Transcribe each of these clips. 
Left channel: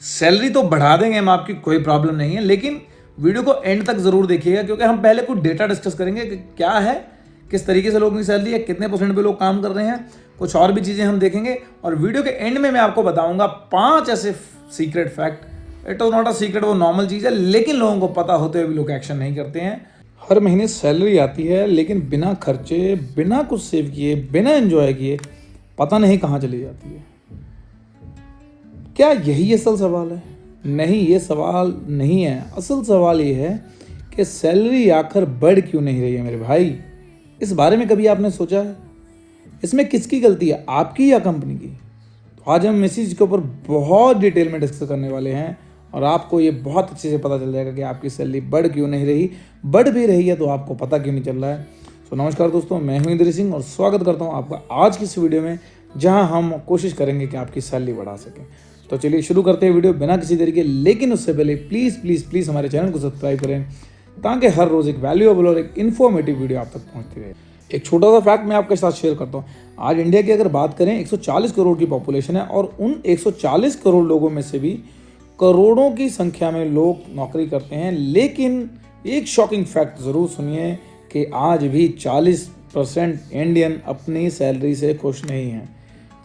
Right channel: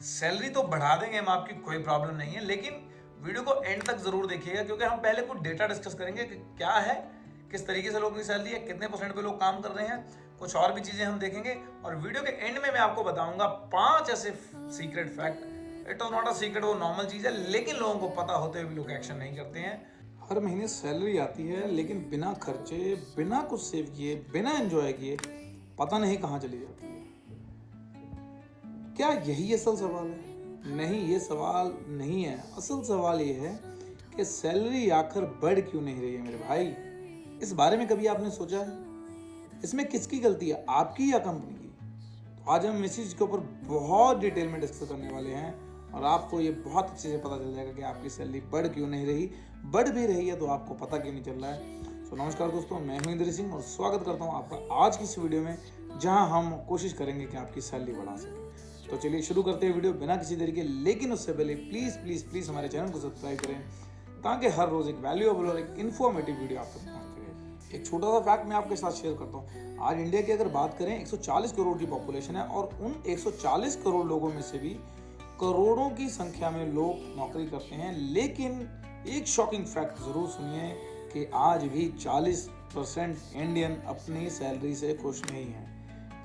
Salary तो बढ़ा देंगे हम आपकी, कोई प्रॉब्लम नहीं है, लेकिन वीडियो को एंड तक जरूर देखिएगा क्योंकि हम पहले कुछ डेटा डिस्कस करेंगे कि क्या है, किस तरीके से लोगों की सैलरी है, कितने % पे लोग काम कर रहे हैं, कुछ और भी चीज़ें हम देखेंगे। और वीडियो के एंड में मैं आपको बताऊंगा 5 ऐसे secret fact. It is not a secret, वो नॉर्मल चीज़ है, लेकिन लोगों को पता होते हुए भी लोग एक्शन नहीं करते हैं। हर महीने सैलरी आती है लेकिन बिना खर्चे, बिना कुछ सेव किए, बिना एंजॉय किए पता नहीं कहाँ चली जाती है। क्या यही असल सवाल है? नहीं, ये सवाल नहीं है। असल सवाल ये है कि सैलरी आखिर बढ़ क्यों नहीं रही है मेरे भाई। इस बारे में कभी आपने सोचा है? इसमें किसकी गलती है, आपकी या कंपनी की? तो आज हम इस चीज़ के ऊपर बहुत डिटेल में डिस्कस करने वाले हैं और आपको ये बहुत अच्छे से पता चल जाएगा कि आपकी सैलरी बढ़ क्यों नहीं रही, बढ़ भी रही है तो आपको पता क्यों नहीं चल रहा है। तो नमस्कार दोस्तों, मैं हूं इंद्र सिंह और स्वागत करता हूं आपका आज की इस वीडियो में, जहां हम कोशिश करेंगे कि आपकी सैलरी बढ़ा सकें। तो चलिए शुरू करते हैं वीडियो बिना किसी तरीके, लेकिन उससे पहले प्लीज़ हमारे चैनल को सब्सक्राइब करें ताकि हर रोज़ एक वैल्यूएबल और एक इन्फॉर्मेटिव वीडियो आप तक पहुंचती रहे। एक छोटा सा फैक्ट मैं आपके साथ शेयर करता हूँ। आज इंडिया की अगर बात करें 140 करोड़ की पॉपुलेशन है और उन 140 करोड़ लोगों में से भी करोड़ों की संख्या में लोग नौकरी करते हैं, लेकिन एक शॉकिंग फैक्ट ज़रूर सुनिए कि आज भी 40% इंडियन अपनी सैलरी से खुश नहीं हैं।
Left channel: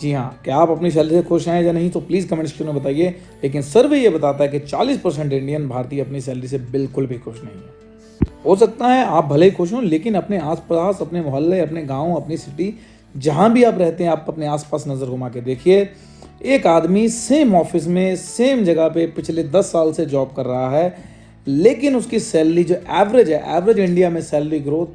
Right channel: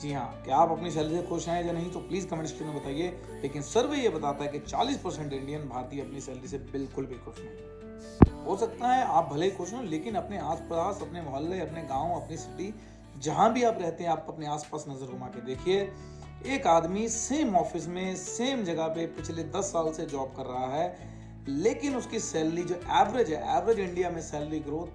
जी हाँ, क्या आप अपनी सैलरी से खुश हैं या नहीं तो प्लीज़ कमेंट सेक्शन में बताइए। लेकिन सर्वे ये बताता है कि 40% इंडियन भारतीय अपनी सैलरी से बिल्कुल भी खुश नहीं है। हो सकता है आप भले ही खुश हों, लेकिन अपने आसपास, अपने मोहल्ले, अपने गांव, अपनी सिटी, जहां भी आप रहते हैं, आप अपने आसपास नज़र घुमा के देखिए। एक आदमी सेम ऑफिस में, सेम जगह पे पिछले 10 साल से जॉब कर रहा है, लेकिन उसकी सैलरी जो एवरेज है, एवरेज इंडिया में सैलरी ग्रोथ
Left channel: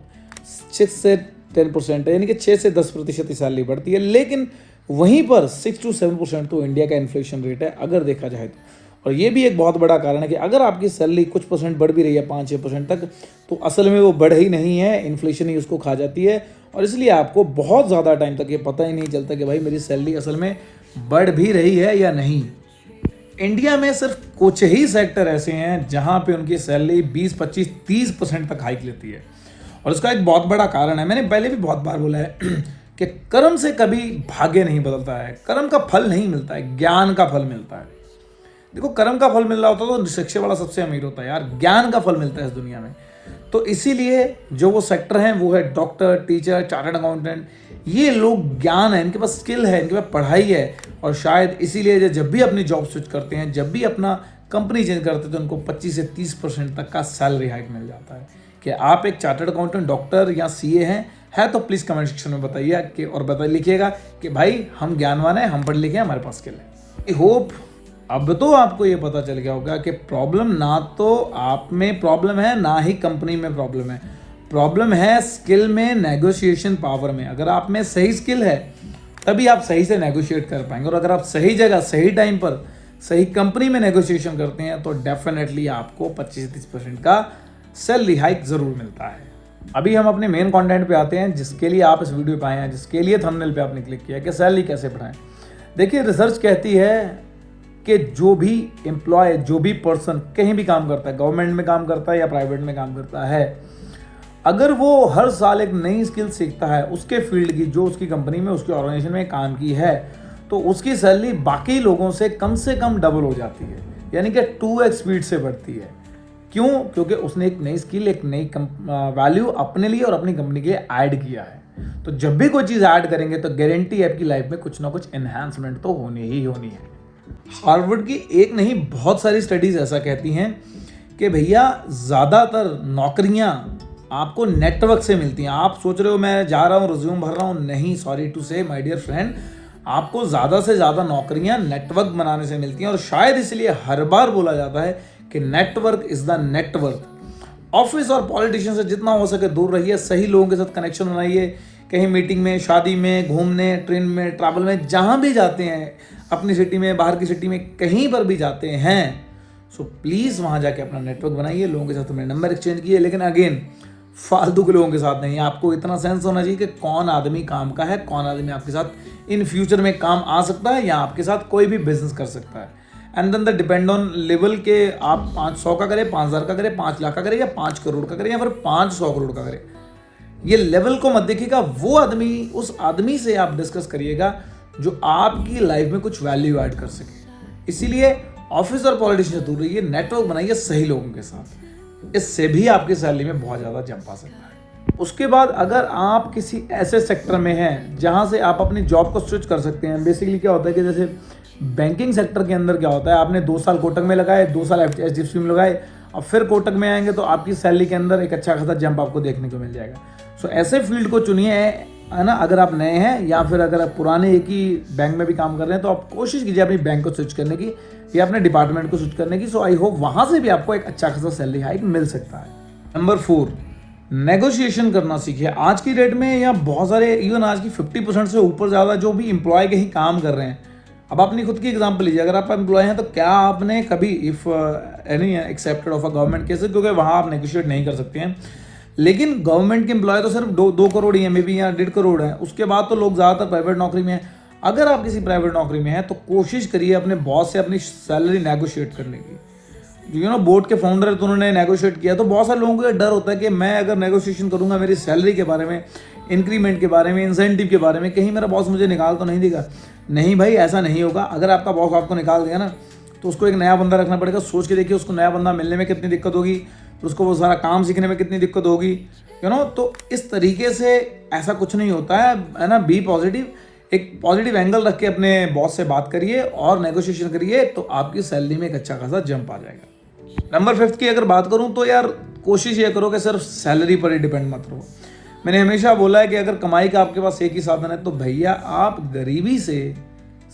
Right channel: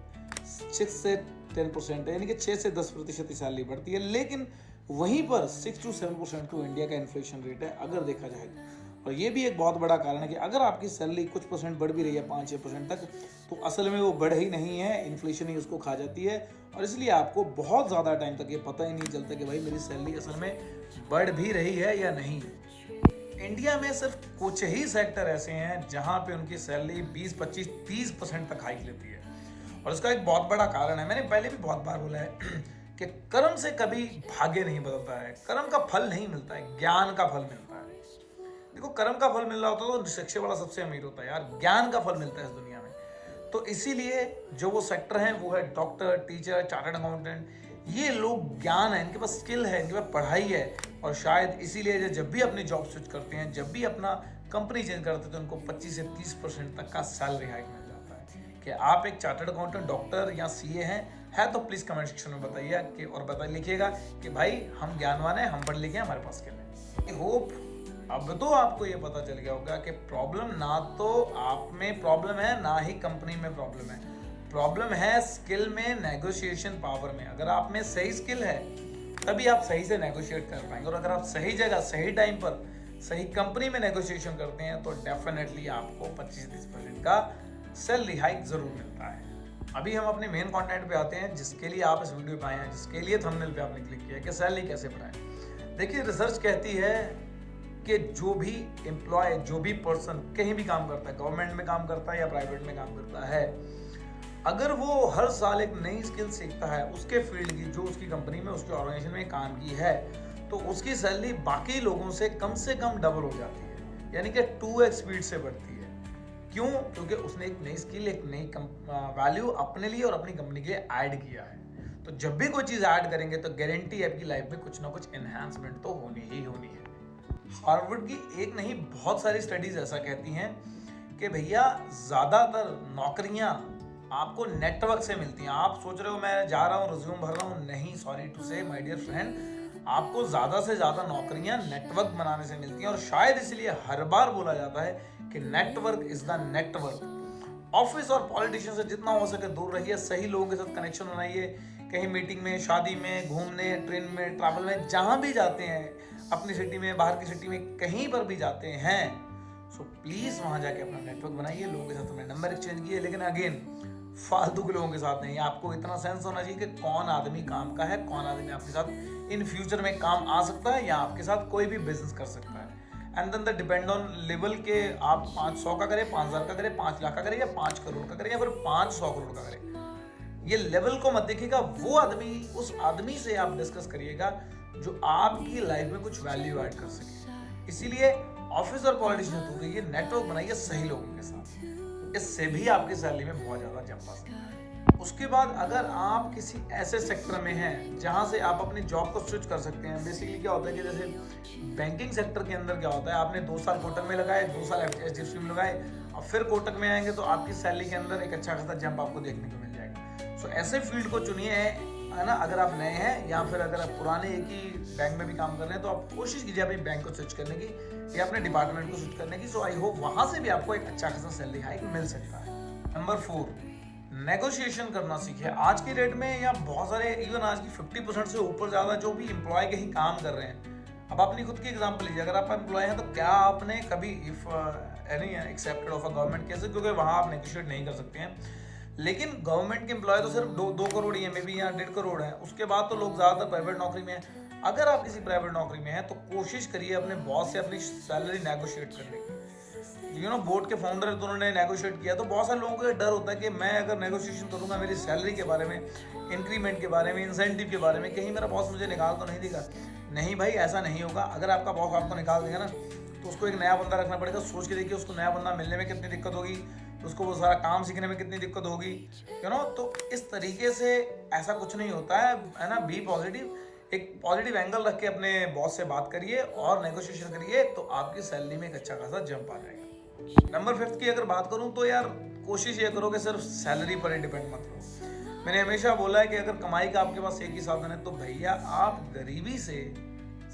6 से 10% है, यानी कि 6 से 10% की सैलरी बढ़ती है। लेकिन वहीं पर 6 to 7% तो इंडिया का इन्फ्लेशन रेट है अगर देखा जाए तो। और ये भी एक बहुत बड़ा कारण है कि अगर आपकी सैलरी कुछ % बढ़ भी रही है 5-6% तक, तो असल में वो बढ़ ही नहीं है, इन्फ्लेशन ही उसको खा जाती है। और इसलिए आपको बहुत ज़्यादा टाइम तक ये पता ही नहीं चलता कि भाई मेरी सैलरी असल में बढ़ भी रही है या नहीं। इंडिया में सिर्फ कुछ ही सेक्टर ऐसे हैं जहां पे उनकी सैलरी 20, 25, 30% तक हाइक लेती है। और इसका एक बहुत बड़ा कारण है, मैंने पहले भी बहुत बार बोला है कि कर्म से कभी भाग्य नहीं बदलता है, कर्म का फल नहीं मिलता है, ज्ञान का फल मिलता है। देखो, कर्म का फल मिल रहा होता तो शिक्षा वाला सबसे अमीर होता है यार, ज्ञान का फल मिलता है इस दुनिया में। तो इसीलिए जो वो सेक्टर हैं वो है डॉक्टर, टीचर, चार्टर्ड अकाउंटेंट। ये लोग ज्ञान है, इनके पास स्किल है, इनके पास पढ़ाई है, और शायद इसीलिए जब भी अपनी जॉब स्विच करते हैं, जब भी अपना कंपनी चेंज करते हैं, तो उनको 25 से 30% तक का सैलरी हाइक मिल जाता है। कि आप एक चार्टर्ड अकाउंटेंट, डॉक्टर या सीए है तो प्लीज़ कमेंट सेक्शन में बताइए कि, और लिखिएगा कि भाई हम ज्ञानवान हैं, हम पढ़ लिखे हैं, हमारे पास स्किल है। आई होप अब तो आपको ये पता चल गया होगा कि प्रॉब्लम ना तो आप में प्रॉब्लम है, ना ही कंपनी में प्रॉब्लम है। प्रॉब्लम है स्किल में, नेगोशिएशन पावर में। अगर आप में सही स्किल है तभी आप सही से नेगोशिएट कर पाएंगे, और अगर आप सही जगह, सही टाइम पर, सही कंपनी में नेगोशिएशन करते हैं तो डेफिनेटली आपको 25-30% का सैलरी हाइक ज़रूर मिलता है। अभी हम अपने मेन कंटेंट पे आते हैं, जिसके लिए आप इस वीडियो पे आए हैं, जिसके लिए थंबनेल पे आपने क्लिक किया कि सैलरी कैसे बढ़ाएं। देखिए, रिसर्च कहती है कि जो भी एम्प्लॉय, जो भी पर्सन कहीं भी काम करता है, गवर्नमेंट में काम करता है या प्राइवेट में काम करता है, अगर वो हर साल एक नई स्किल सीखता है उसके फील्ड की, जो उसकी कंपनी में, उसकी ऑर्गेनाइजेशन में काम की है, तो उसकी सैलरी बाकी लोगों से कम डबल हो जाती है, यानी कि 2x स्पीड से बढ़ती है। क्यों? क्योंकि उसने एक नई स्किल, एक नई वैल्यू अपने लिए और अपनी कंपनी के लिए ऐड किया है। तो जब भी कोई चीज़ ऐड करेंगे तो गारंटी आपकी लाइफ में कुछ ना कुछ एनहांसमेंट तो होनी ही होनी है। हार्वर्ड की एक नहीं, बहुत सारी स्टडीज ऐसा कहती हैं कि भैया ज़्यादातर नौकरियां आपको नेटवर्क से मिलती हैं। आप सोच रहे हो मैं जा रहा हूँ, रिज्यूम भर रहा हूँ, नहीं, सॉरी टू से माय डियर फ्रेंड, आपको ज़्यादा से ज़्यादा नौकरियां नेटवर्क बनाने से मिलती हैं। और शायद इसलिए हर बार बोला जाता है कि network is the network. Office और पॉलिटिशियन से जितना हो सके दूर रहिए, सही लोगों के साथ कनेक्शन बनाइए। कहीं मीटिंग में, शादी में, घूमने, ट्रेन में, ट्रैवल में, जहाँ भी जाते हैं, अपनी सिटी में, बाहर की सिटी में, कहीं पर भी जाते हैं, सो प्लीज़ वहाँ जाके अपना नेटवर्क बनाइए, लोगों के साथ अपने नंबर एक्सचेंज कीजिए, लेकिन अगेन फालतू के लोगों के साथ नहीं। आपको इतना सेंस होना चाहिए कि कौन आदमी काम का है, कौन आदमी आपके साथ इन फ्यूचर में काम आ सकता है या आपके साथ कोई भी बिजनेस कर सकता है। And then the depend on level के, आप 500 का करें, 5000 का करें, 5 लाख का करें, या 5 करोड़ का करें, या फिर 500 करोड़ का करें, ये लेवल को मत देखिएगा। वो आदमी, उस आदमी से आप डिस्कस करिएगा जो आपकी लाइफ में कुछ वैल्यू ऐड कर सके। इसीलिए ऑफिस और पॉलिटिशियन से दूर रहिए, नेटवर्क बनाइए सही लोगों के साथ, इससे भी आपकी सैलरी में बहुत ज़्यादा जंप आ सकता है। उसके बाद अगर आप किसी ऐसे सेक्टर में हैं जहां से आप अपनी जॉब को स्विच कर सकते हैं, बेसिकली क्या होता है कि जैसे बैंकिंग सेक्टर के अंदर क्या होता है, आपने 2 साल कोटक में लगाए, 2 साल HDFC में लगाए, अब फिर कोटक में आएंगे तो आपकी सैलरी के अंदर एक अच्छा खासा जंप आपको देखने को मिल जाएगा। सो ऐसे फील्ड को चुनिए, है ना। अगर आप नए हैं या फिर अगर आप पुराने एक ही बैंक में भी काम कर रहे हैं तो आप कोशिश कीजिए अपनी बैंक को स्विच करने की या अपने डिपार्टमेंट को स्विच करने की। सो आई होप वहाँ से भी आपको एक अच्छा खासा सैलरी हाइक मिल सकता है। नंबर 4, नेगोशिएशन करना सीखिए। आज की डेट में या बहुत सारे इवन आज की 50% से ऊपर ज़्यादा जो भी एम्प्लॉय कहीं काम कर रहे हैं, अब अपनी खुद की एग्जांपल लीजिए, अगर आप एम्प्लॉय हैं तो क्या आपने कभी if any accepted of a government cases, क्योंकि वहाँ आप नेगोशिएट नहीं कर सकते हैं, लेकिन गवर्नमेंट के एम्प्लॉय तो सिर्फ 2 करोड़ ही है, मे बी या 1.5 करोड़ है, उसके बाद तो लोग ज़्यादातर प्राइवेट नौकरी में हैं। अगर आप किसी प्राइवेट नौकरी में हैं तो कोशिश करिए अपने बॉस से अपनी सैलरी नेगोशिएट करने की। बोर्ड के फाउंडर है तो उन्होंने नेगोशिएट किया, तो बहुत सारे लोगों को ये डर होता है कि मैं अगर नेगोशिएशन करूंगा मेरी सैलरी के बारे में, इंक्रीमेंट के बारे में, इंसेंटिव के बारे में, कहीं मेरा बॉस मुझे निकाल तो नहीं देगा। नहीं भाई, ऐसा नहीं होगा। अगर आपका बॉस आपको निकाल देगा ना तो उसको एक नया बंदा रखना पड़ेगा। सोच के देखिए उसको नया बंदा मिलने में कितनी दिक्कत होगी, फिर उसको वो सारा काम सीखने में कितनी दिक्कत होगी, तो इस तरीके से ऐसा कुछ नहीं होता है ना। बी पॉजिटिव, एक पॉजिटिव एंगल रख के अपने बॉस से बात करिए और नेगोशिएशन करिए, तो आपकी सैलरी में एक अच्छा खासा जंप आ जाएगा। नंबर 5 की अगर बात करूं तो यार कोशिश ये करो कि सिर्फ सैलरी पर ही डिपेंड मत रहो। मैंने हमेशा बोला है कि अगर कमाई का आपके पास एक ही साधन है तो भैया आप गरीबी से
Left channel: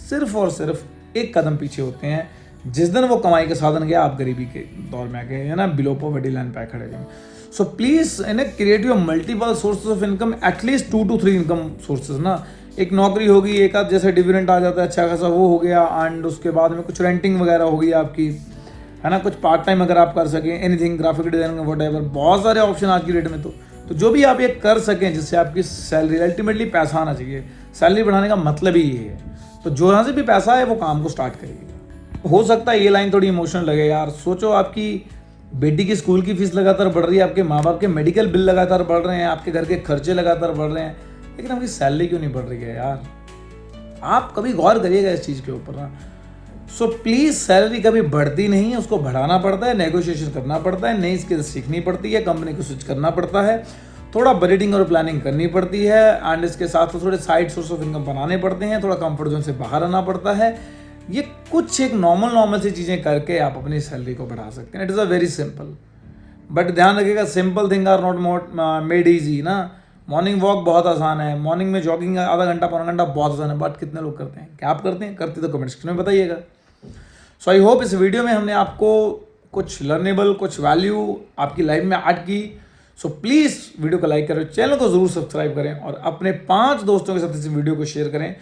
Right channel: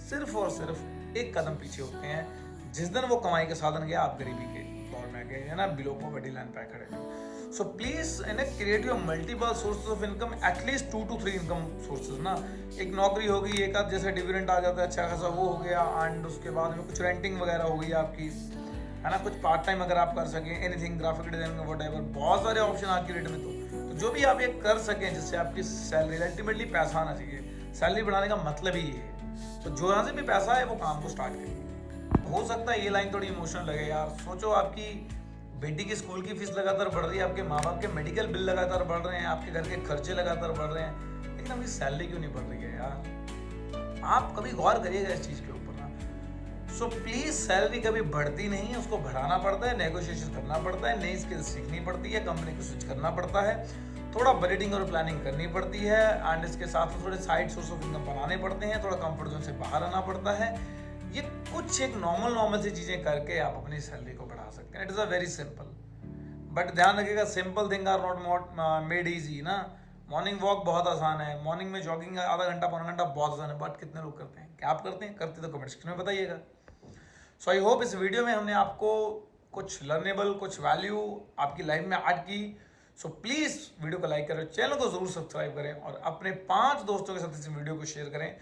सिर्फ और सिर्फ एक कदम पीछे होते हैं। जिस दिन वो कमाई का साधन गया आप गरीबी के दौर में आ गए, है ना, बिलो पॉवर्टी लाइन पे खड़े हुए। So please create your multiple sources of income, at least 2 to 3 income sources ना। एक नौकरी होगी, एक आध जैसे डिविडेंड आ जाता है अच्छा खासा, वो हो गया, एंड उसके बाद में कुछ रेंटिंग वगैरह होगी आपकी, है ना, कुछ पार्ट टाइम अगर आप कर सकें, एनीथिंग, ग्राफिक डिजाइनिंग, व्हाटएवर, बहुत सारे ऑप्शन आज की डेट में। तो जो भी आप ये कर सकें जिससे आपकी सैलरी, अल्टीमेटली पैसा आना चाहिए, सैलरी बढ़ाने का मतलब ही ये है। तो जो यहाँ से भी पैसा है वो काम को स्टार्ट करिए। हो सकता है ये लाइन थोड़ी इमोशनल लगे यार, सोचो आपकी बेटी की स्कूल की फीस लगातार बढ़ रही है, आपके माँ बाप के मेडिकल बिल लगातार बढ़ रहे हैं, आपके घर के खर्चे लगातार बढ़ रहे हैं, लेकिन आपकी सैलरी क्यों नहीं बढ़ रही है यार? आप कभी गौर करिएगा इस चीज़ के ऊपर ना। सो प्लीज़, सैलरी कभी बढ़ती नहीं है, उसको बढ़ाना पड़ता है, नेगोशिएशन करना पड़ता है, नई स्किल सीखनी पड़ती है, कंपनी को स्विच करना पड़ता है, थोड़ा बजटिंग और प्लानिंग करनी पड़ती है, एंड इसके साथ थोड़े साइड सोर्स ऑफ इनकम बनाने पड़ते हैं, थोड़ा कंफर्ट जोन से बाहर आना पड़ता है। ये कुछ एक नॉर्मल सी चीज़ें करके आप अपनी सैलरी को बढ़ा सकते हैं। It is a very simple, but ध्यान रखिएगा, simple thing are not made easy ना। मॉर्निंग वॉक बहुत आसान है, मॉर्निंग में जॉगिंग आधा घंटा पौना घंटा बहुत आसान है, बट कितने लोग करते हैं? क्या आप करते हैं? करते तो कमेंट सेक्शन में बताइएगा। सो आई होप इस वीडियो में हमने आपको कुछ लर्नेबल, कुछ वैल्यू आपकी लाइफ में ऐड की। सो प्लीज़ वीडियो को लाइक करें, चैनल को ज़रूर सब्सक्राइब करें और अपने 5 दोस्तों के साथ इस वीडियो को शेयर करें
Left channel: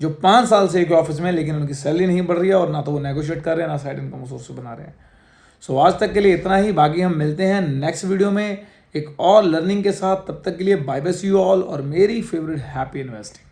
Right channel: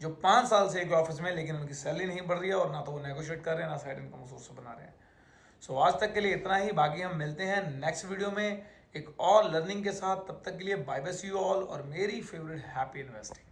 जो 5 साल से एक ऑफिस में, लेकिन उनकी सैलरी नहीं बढ़ रही है और ना तो वो नेगोशिएट कर रहे हैं, ना साइड इनकम सोर्स बना रहे हैं। सो आज तक के लिए इतना ही, बाकी हम मिलते हैं नेक्स्ट वीडियो में एक और लर्निंग के साथ। तब तक के लिए bye bye, see you all, और मेरी फेवरेट हैप्पी इन्वेस्टिंग।